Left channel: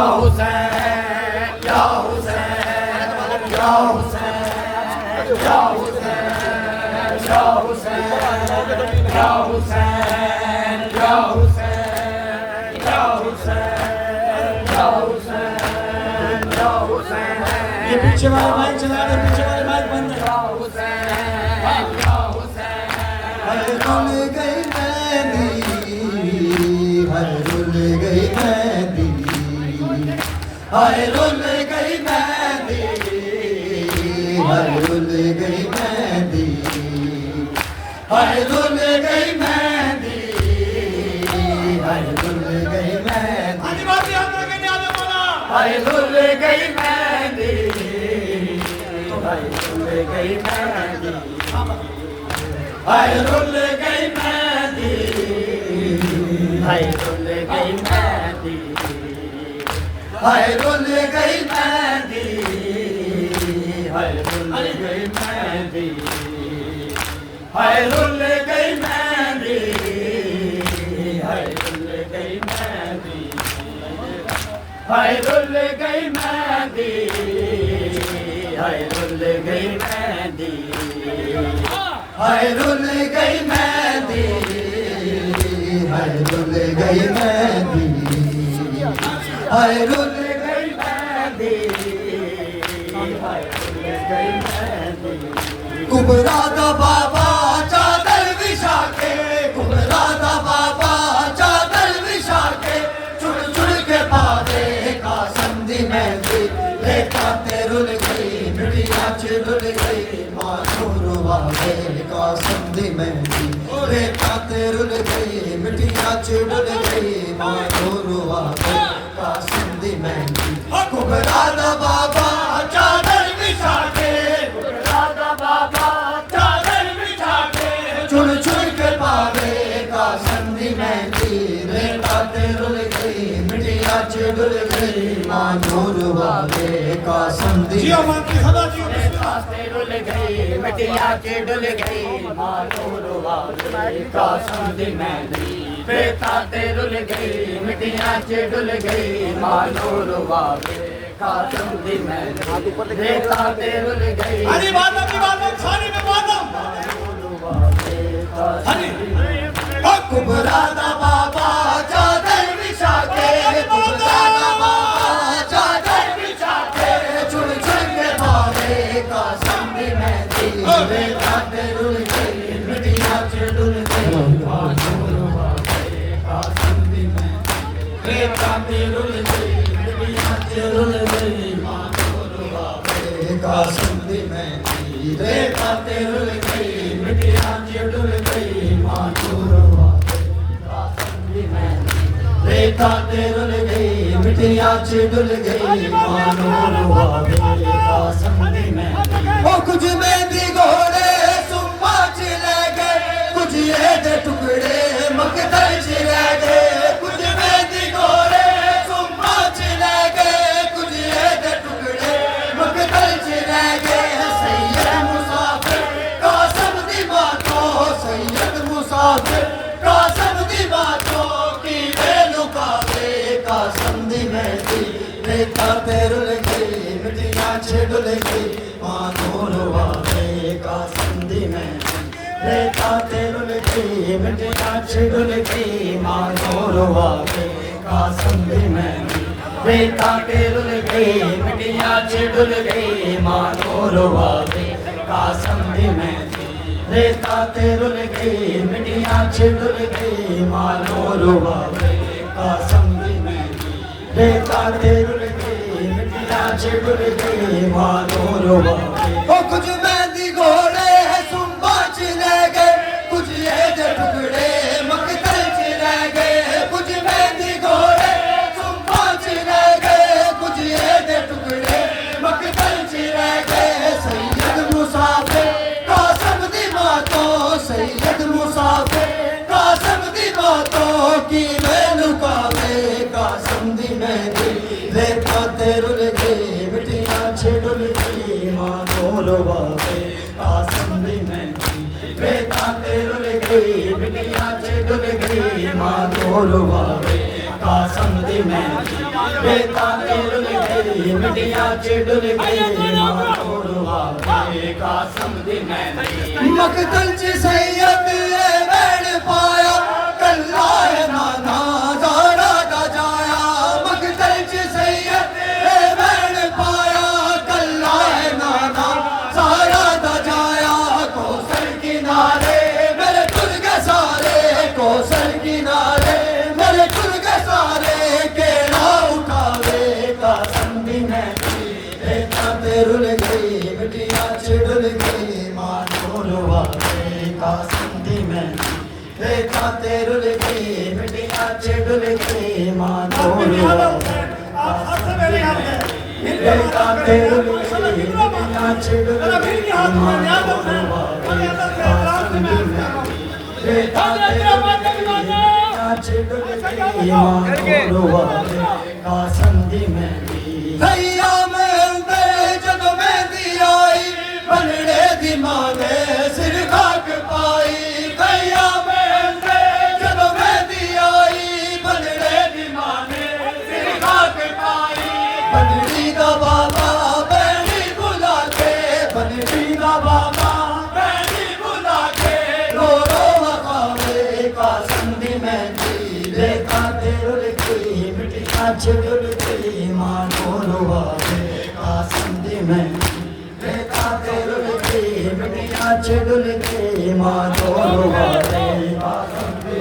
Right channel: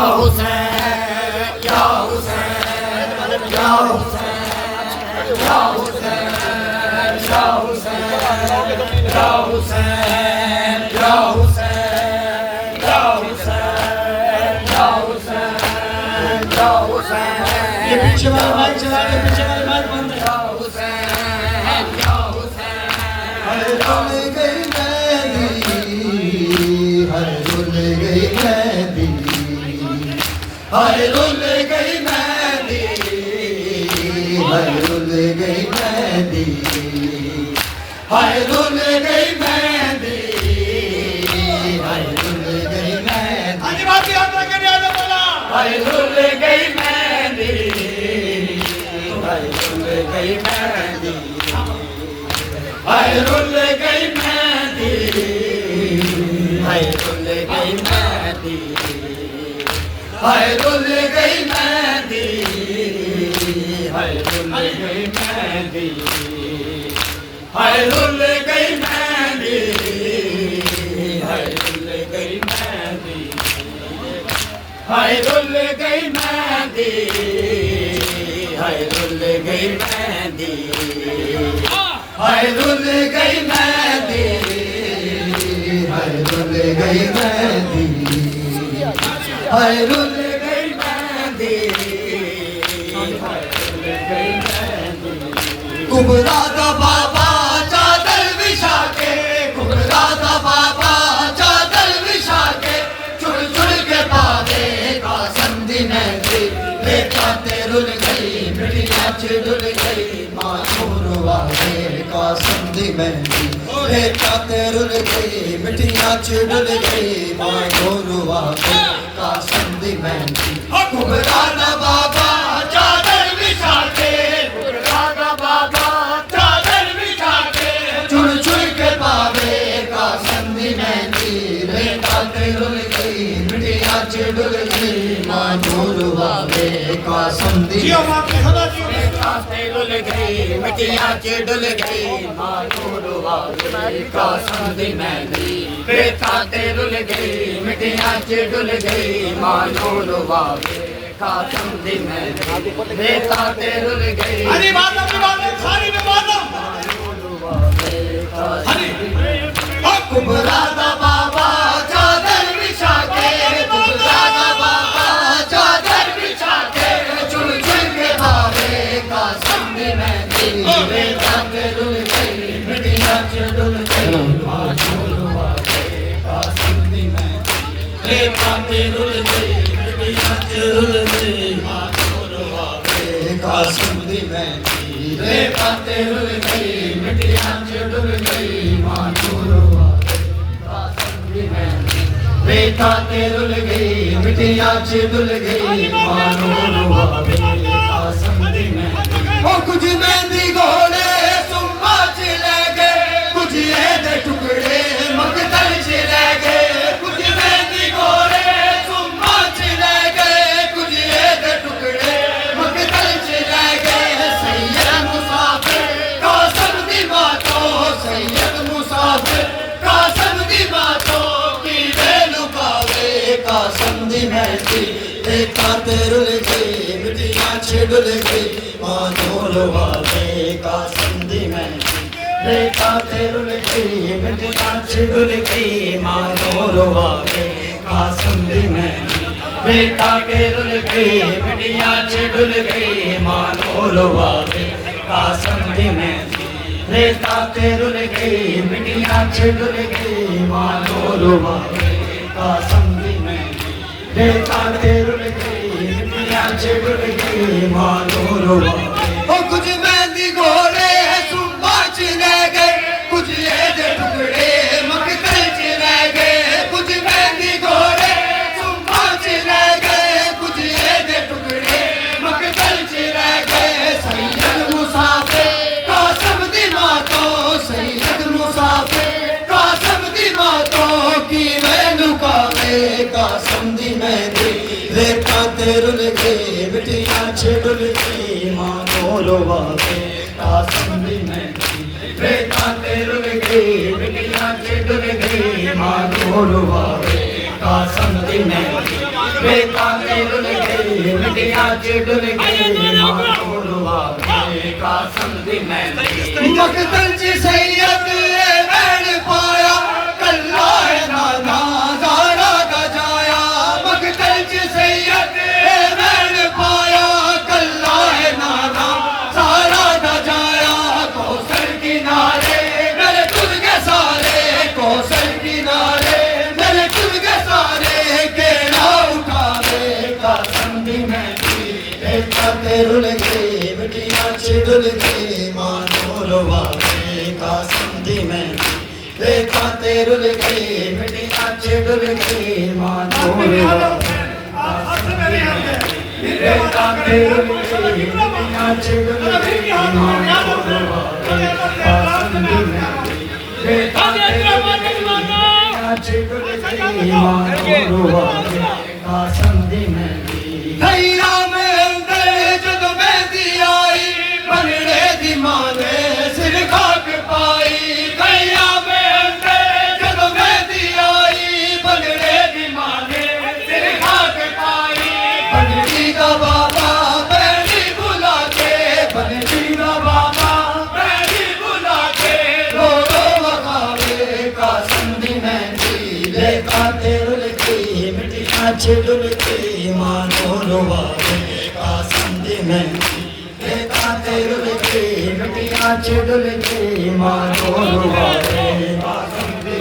हुसैन या हुसैन या हुसैन या हुसैन या हुसैन या हुसैन या हुसैन या हुसैन या हुसैन या हुसैन। ये पीछे वाले माइक चला रहे, पीछे वाले माइक बंद। या हुसैन या हुसैन। हर रुल गई मेहंदी, हर रुल गई मेहंदी, हाय रुल गई मेहंदी, हाय रुल गई मेहंदी, हाय रुल गई मेहंदी, हाय रुल गई मेहंदी, हाय रुल गई मेहंदी, हाय रुल गई मेहंदी, हाय रुल गई मेहंदी, हाय रुल गई मेहंदी, हाय रुल गई मेहंदी, हाय रुल गई मेहंदी, हाय रुल गई मेहंदी, हाय रुल गई मेहंदी, हाय रुल गई मेहंदी, हाय रुल गई मेहंदी, हाय रुल गई मेहंदी, हाय रुल गई मेहंदी, हाय रुल गई मेहंदी, हाय रुल गई मेहंदी। कुबरा का बाबा चादर बिछा के, कुबरा का बाबा चादर बिछा के, चुड़ चुड़ के पादे का संधि मेहंदी, रेखाते रुल गई मिटिया चिड़ुल गई, मासूर वादे का संधि मेहंदी, रेखाते रुल गई मिटिया चिड़ुल गई, मासूर वादे का संधि मेहंदी। कुबरा का बाबा चादर बिछा के, कुबरा का बाबा चादर बिछा के, चुड़ चुड़ के पावे का संधि मेहंदी, रेखाते रुल गई मिटिया चिड़ुल गई, मासूर वादे का संधि, रेखाते रुल गई मिटिया चिड़ुल गई, मासूर वादे का संधि मेहंदी, रेखाते रुल गई मिटिया चिड़ुल गई, मासूर वादे का संधि मेहंदी, रेखाते रुल गई। हरी बादम खानी में बादम कुबरा का बाबा चादर बिछा के, कुबरा का बाबा चादर बिछा के, चुड़ चुड़ के भावे का संधि मेहंदी, रेखाते रुल गई मिटिया चिड़ुल गई, मासूर वादे का संधि मेहंदी, रेखाते रुल गई मिटिया चिड़ुल गई, मासूर वादे का संधि मेहंदी, रेखाते रुल गई मिटिया चिड़ुल गई, मासूर वादे का संधि मेहंदी, रेखाते रुल गई मिटिया चिड़ुल गई, मासूर वादे का संधि मेहंदी। ओ कुछ मेहंदी घोड़े सुम्मा चले गए, कुछ ये दे टुकड़े मकदल चले गए, कुछ मेहंदी घोड़े सुम्मा चले गए, कुछ ये दे टुकड़े मकदल चले गए, सैयद मुसाफिर कासिम दी बातों, सैयद मुसाफिर कासिम दी बातों की बेलुकावे का संधि मेहंदी, रेखाते रुल गई मिटिया चिड़ुल गई, मासूर वादे का संधि मेहंदी, रेखाते रुल गई मिटिया चिड़ुल गई, मासूर वादे का संधि मेहंदी, रेखाते रुल गई मिटिया चिड़ुल गई, मासूर वादे का संधि मेहंदी, रेखाते रुल गई मिटिया चिड़ुल गई, मासूर वादे का संधि मेहंदी, रेखाते रुल गई मिटिया चिड़ुल गई, मासूर वादे। ओ कुछ मेहंदी घोड़े सुम्बा चले गए, कुछ ये दे टुकड़े मकदल चले गए, कुछ मेहंदी घोड़े सुम्बा चले गए, कुछ ये दे टुकड़े मकदल चले गए, सैयद मुसाफिर कासिम दी बातों, सैयद मुसाफिर कासिम दी बातों की बेलुकावे का संधि मेहंदी, रेखाते रुल गई मिटिया चिड़ुल गई, मासूर वादे का संधि मेहंदी, रेखाते रुल गई मिटिया चिड़ुल गई, मासूर वादे का संधि मेहंदी, बेताते रुल गई मिटिया चिडुल गई मानोरवा के कासम दी मेहंदी मकदल च सैयद बैण पाया कल्ला नाना ज़ारा गजाया मकदल च सैयद बैण पाया कल्ला नाना ज़ारा गजाया कौसर किनारे मेरे तुल के सारे कौसर किनारे मेरे तुल के सारे के ना उठावे कासम दी मेहंदी बेताते रुल गई मिटिया चिडुल गई मानोरवा के कासम दी मेहंदी बेताते रुल गई मिटिया चिडुल गई मानोरवा बेताते रुल गई मिटिया चिडुल गई मानोरवा के कासम दी मेहंदी बेताते रुल गई मिटिया चिडुल गई मानोरवा के कासम दी मेहंदी भैया में जब मेहंदी आई बनड़े दी मां ने सिर खाक पाई भैया में जब मेहंदी आई बनड़े दी मां ने सिर खाक पाई बनड़ी दा बाबा बैणी बुला के बनड़ी दा बाबा बैणी बुला के रो वखावे कासम दी मेहंदी बेताते रुल गई मिटिया चिडुल गई मानोरवा के कासम दी मेहंदी बेताते रुल गई मिटिया चिडुल गई मानोरवा के कासम दी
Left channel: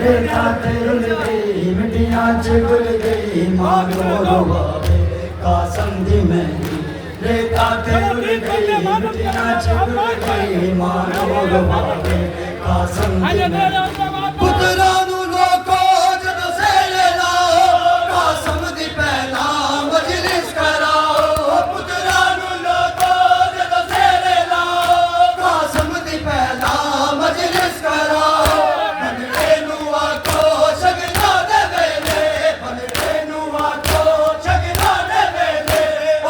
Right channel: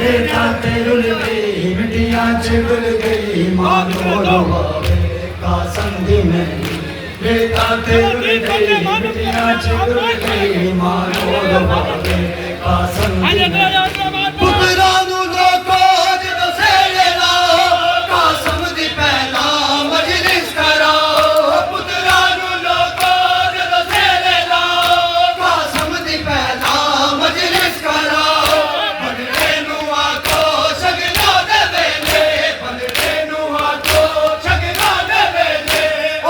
बेताते रुल गई मिटिया चिडुल गई मानोरवा के कासम दी मेहंदी बेताते रुल गई मिटिया चिडुल गई मानोरवा के कासम दी मेहंदी पुत्रा नू लोको जदों सेड़े लाओ कासम दी पहला मजलिस कराओ पुत्रा नू लोको जदों सेड़े लाओ कासम दी पहला मजलिस कराओ बनड़े नू आखो शगना दे वेले बनड़े नू आखो शगना दे वेले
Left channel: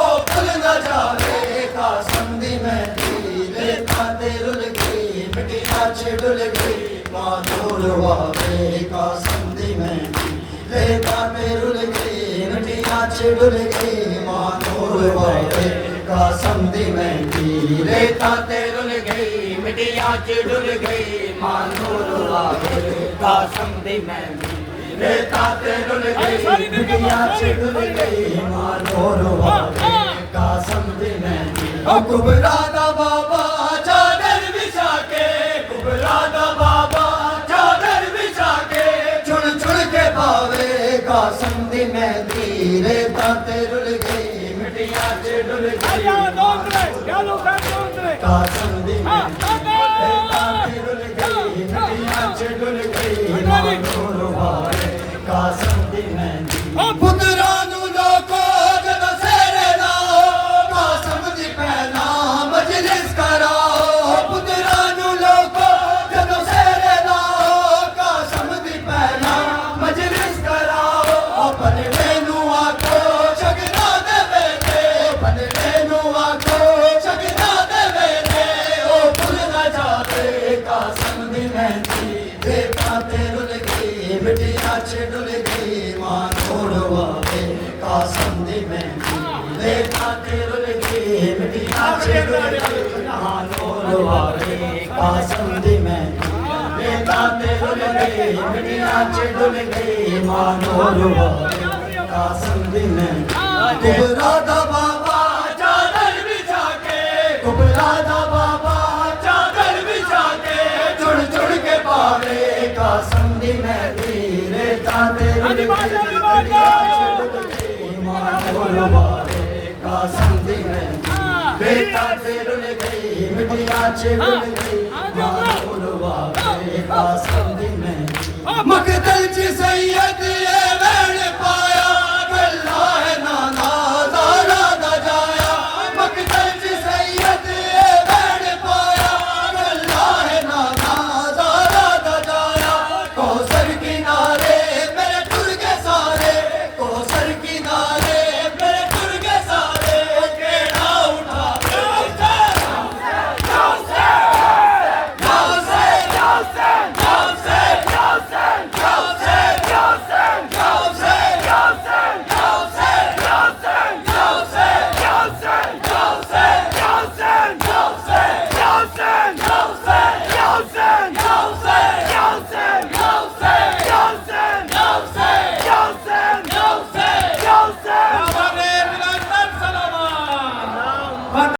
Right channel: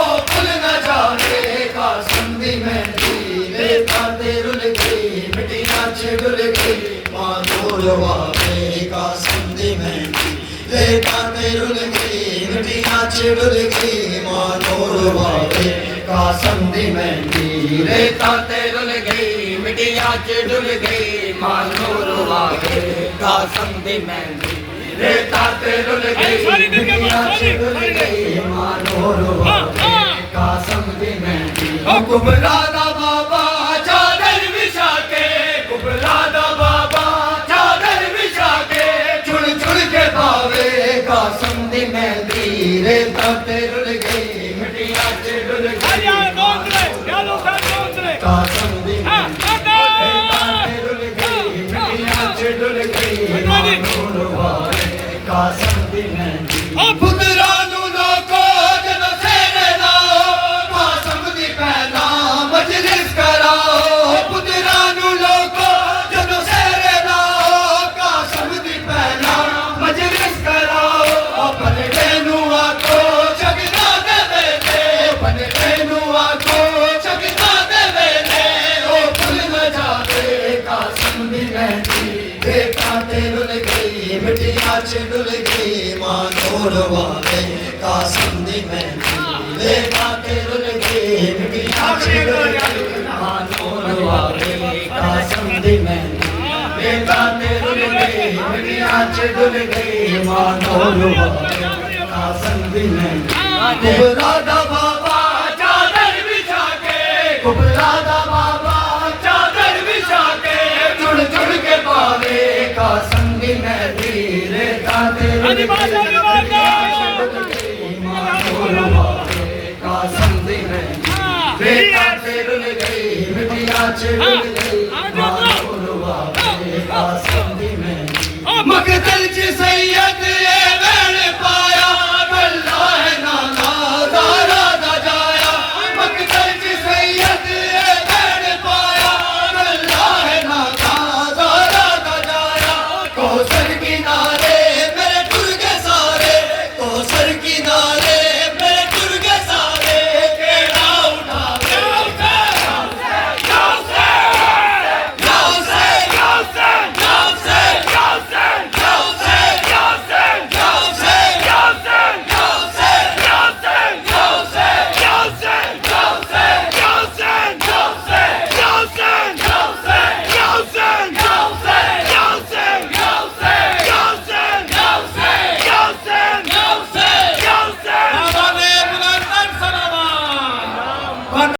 ओ भुल न जाए कासम दी मेहंदी बेताते रुल गई मिटिया चिडुल गई मानोरवा के कासम दी मेहंदी बेताते रुल गई मिटिया चिडुल गई मानोरवा के कासम दी मेहंदी बेताते रुल गई मिटिया चिडुल गई मानोरवा के कासम दी मेहंदी बेताते रुल गई मिटिया चिडुल गई मानोरवा के कासम दी मेहंदी कुबरा दा बाबा चादर बिछा के कुबरा दा बाबा चादर बिछा के चुन चुन के पावे कासम दी मेहंदी बेताते रुल गई मिटिया चिडुल गई कासम दी मेहंदी बेताते रुल गई मिटिया चिडुल गई मानोरवा के कासम दी मेहंदी पुत्रा नू लोको जदों सेड़े लाओ कासम दी पहला मजलिस कराओ पुत्रा नू लोको जदों सेड़े लाओ कासम दी पहला मजलिस कराओ बनड़े नू आखो शगना दे वेले बनड़े नू आखो शगना दे वेले ओ भुल न जावे कासम दी मेहंदी बेताते रुल गई मिटिया चिडुल गई मानोरवा के कासम दी मेहंदी बेताते रुल गई मिटिया चिडुल गई मानोरवा के कासम दी मेहंदी बेताते रुल गई मिटिया चिडुल गई मानोरवा के कासम दी मेहंदी कुबरा दा बाबा चादर बिछा के कुबरा दा बाबा चादर बिछा के चुन चुन के पावे कासम दी मेहंदी बेताते रुल गई मानोरवा के कासम दी मेहंदी बेताते रुल गई मिटिया चिडुल गई मानोरवा के कासम दी मेहंदी मकदल च सैयद